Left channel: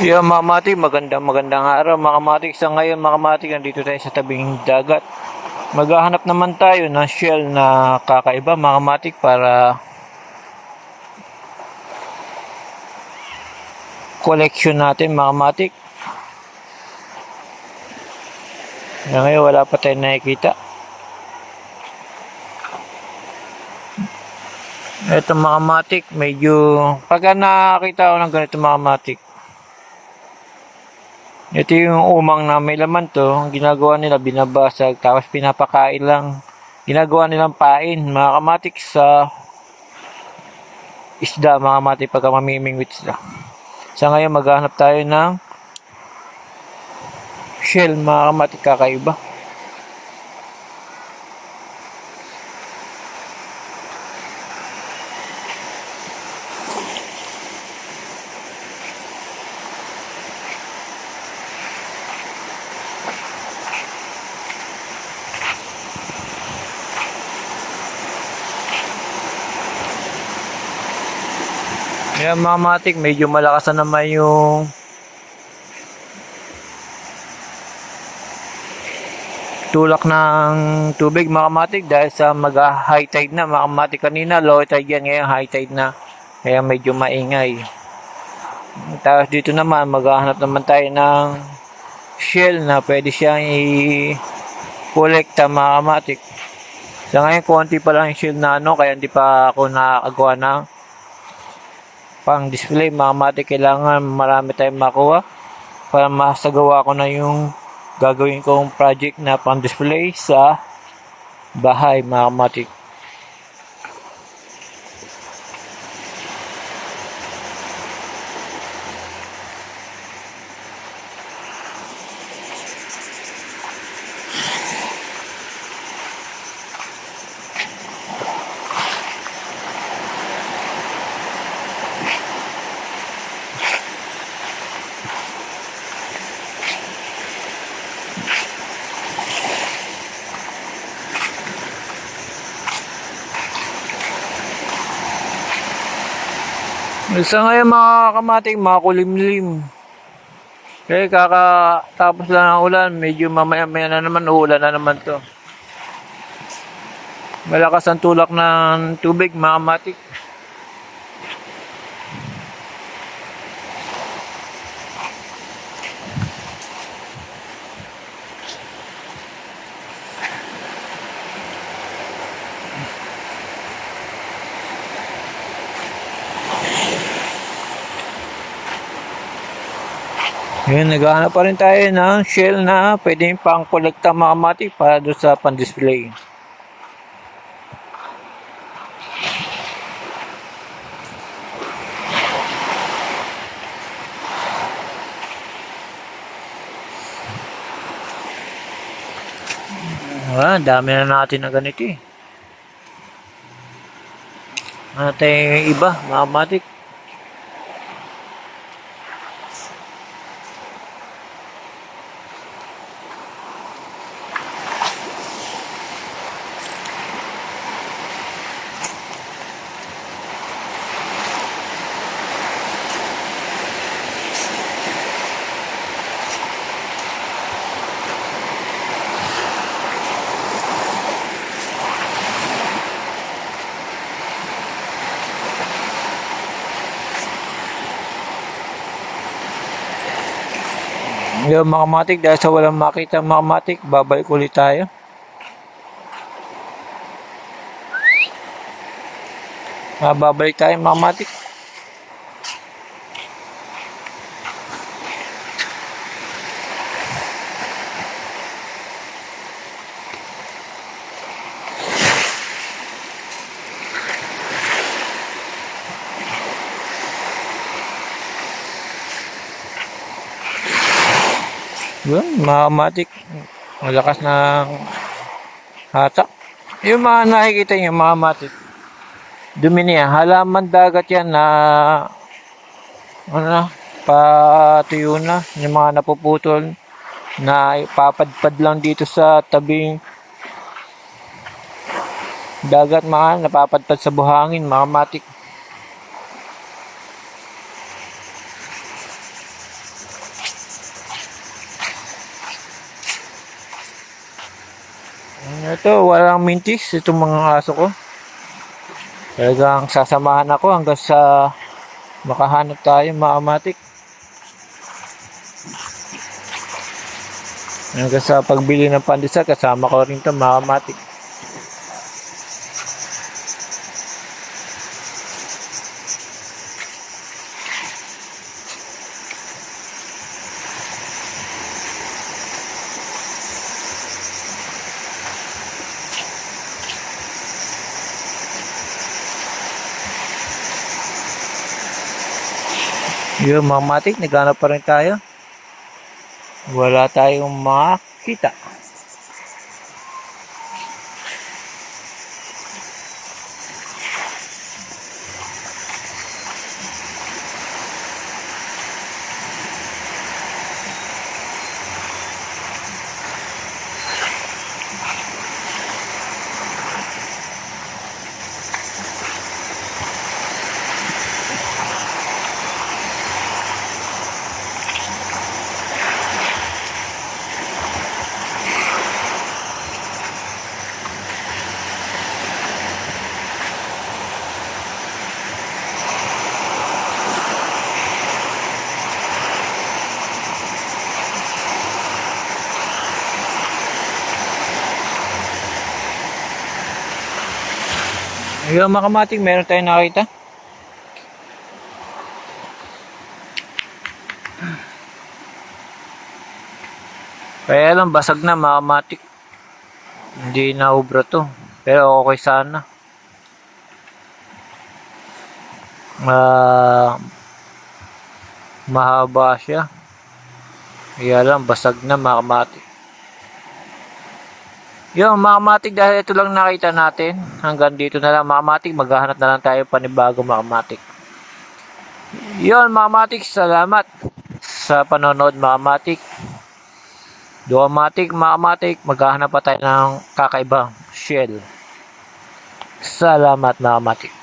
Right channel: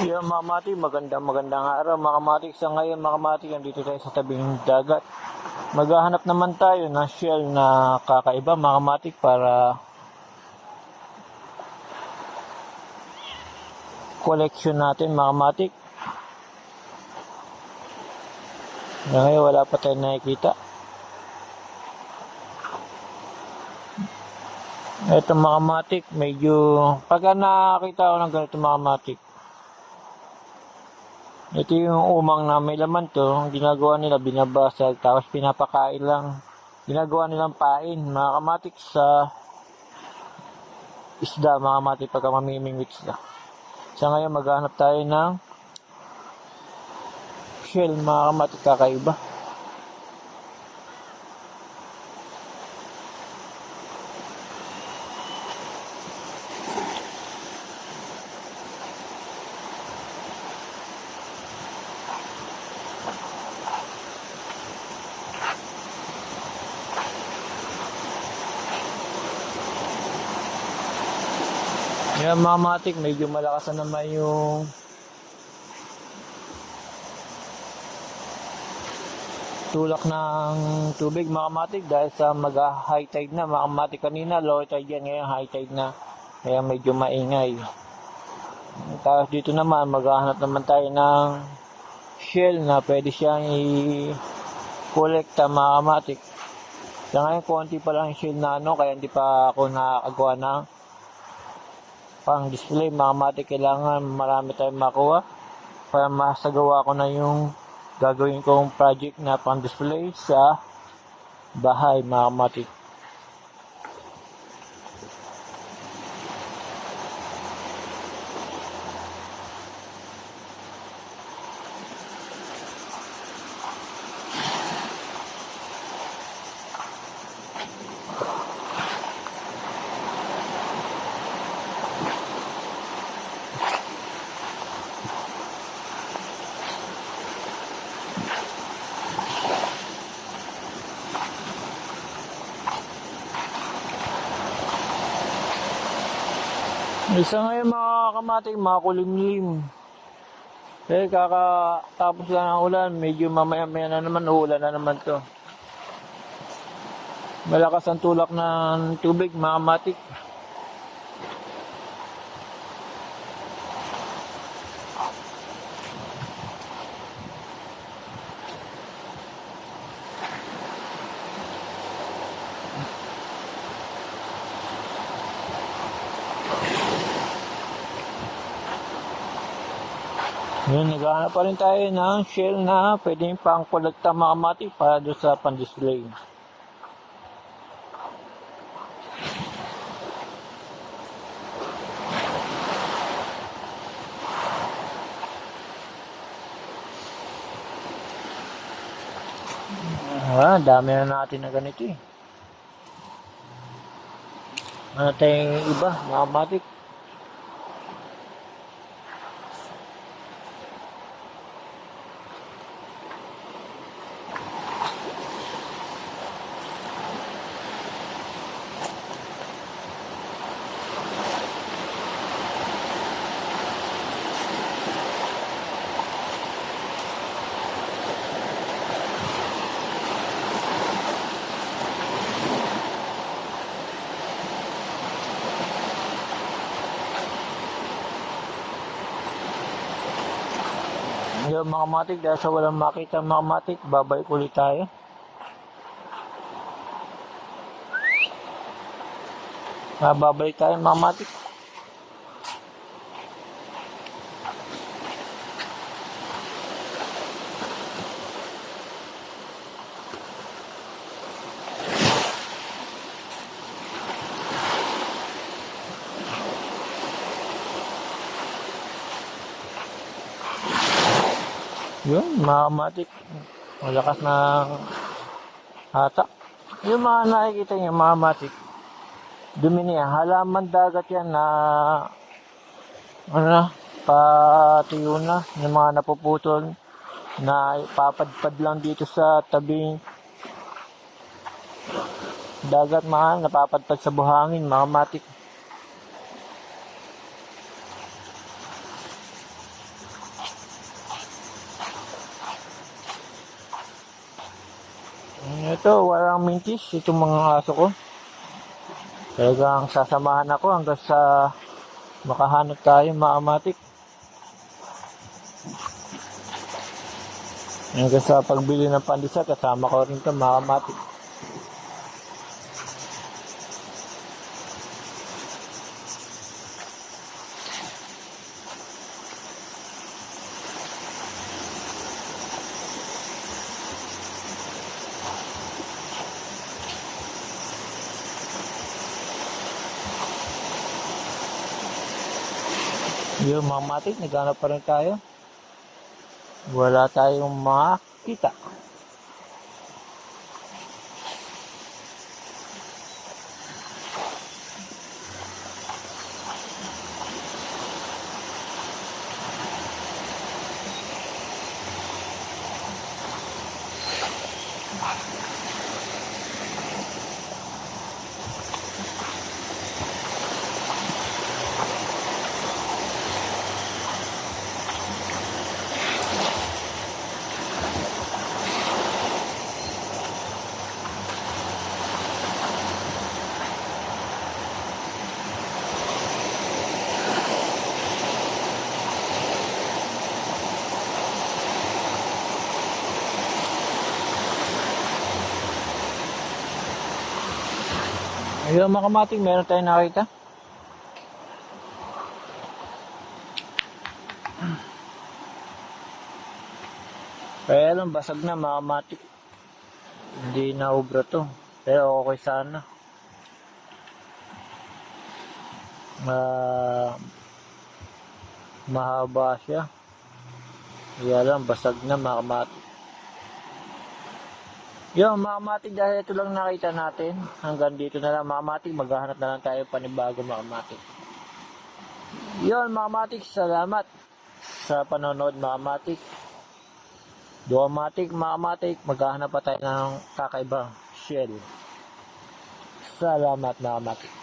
Yeah, mga kamatik, magandang araw mga kamatik. Sa ngayon mga kamatik, nandito tayo sa tabing dagat. Maghahanap naman tayo ng shell na kakaiba mga kamatik para collection natin mga kamatik. Ngayon wala pa tayong nakikita. Ito mga kamatik, medyo pagka nakakita ko ng ganito mga kamatik, ito yung umang na may laman to. Ang ginagawa nila, binabasag tapos pinapakain lang. Ginagawa nilang pain mga kamatik sa isda mga kamatik pagka mamimingwit sila. Sa ngayon maghahanap tayo ng shell mga kamatik kakaiba. Yan mga kamatik, medyo malakas na naman yung tulak ng tubig mga kamatik dahil sa mag-high tide na mga kamatik. Kanina low tide yan, ngayon high tide na, kaya medyo maingay. Tapos dito naman maghahanap naman tayo ng shell na pwede siyang i-kolekta mga kamatik. Sa ngayon konti pa lang yung shell na kaya hindi pa ako nakagawa ng pang display mga kamatik. Kailangan marami tayong makuha para masagawa ko na yung gagawin kong project na pang display sa bahay mga kamatik. Isa ngayon mga kamatik, makulimlim. Kaya kakatapos lang ng ulan, medyo mamaya-maya na naman, uulan na naman to. Malakas ang tulak ng tubig mga kamatik. Ngayon, naghahanap pa rin tayo ng shell na pwedeng pang-kolekta mga kamatik para doon sa pan-display. Dami na natin na ganito eh. Ano tayong iba mga kamatik? Yung mga kamatik, dahil sa walang makita mga kamatik, babalik ulit tayo. Babalik tayo mga kamatik. Yun, mga kamatik, malakas na hatak. Yung mga nakikita nyo mga kamatik, dumi niya, halaman dagat yan na patuyo na, yung mga napuputol na ipapadpad lang dito sa tabing dagat, mga napapadpad sa buhangin mga kamatik. Ito, walang mintis itong mga aso ko. Talagang sasamahan ako hanggang sa makahanap tayo mga kamatik. Hanggang sa pagbili ng pandesal, kasama ko rin ito mga kamatik. Yun mga kamatik, naghanap pa rin tayo. Wala tayong makita. Ayun mga kamatik, meron tayong nakita. Kaya lang, basag na mga kamatik. Hindi na ubra to. Pero okay sana. Mahaba siya. Kaya lang, basag na mga kamatik. Yun mga kamatik, dahil ito lang nakita natin. Hanggang dito na lang mga kamatik. Maghahanap na lang tayo panibago mga kamatik. Yun mga kamatik, salamat sa panonood mga kamatik. Duamatik mga kamatik, maghahanap pa tayo ng kakaibang shell. Salamat mga kamatik.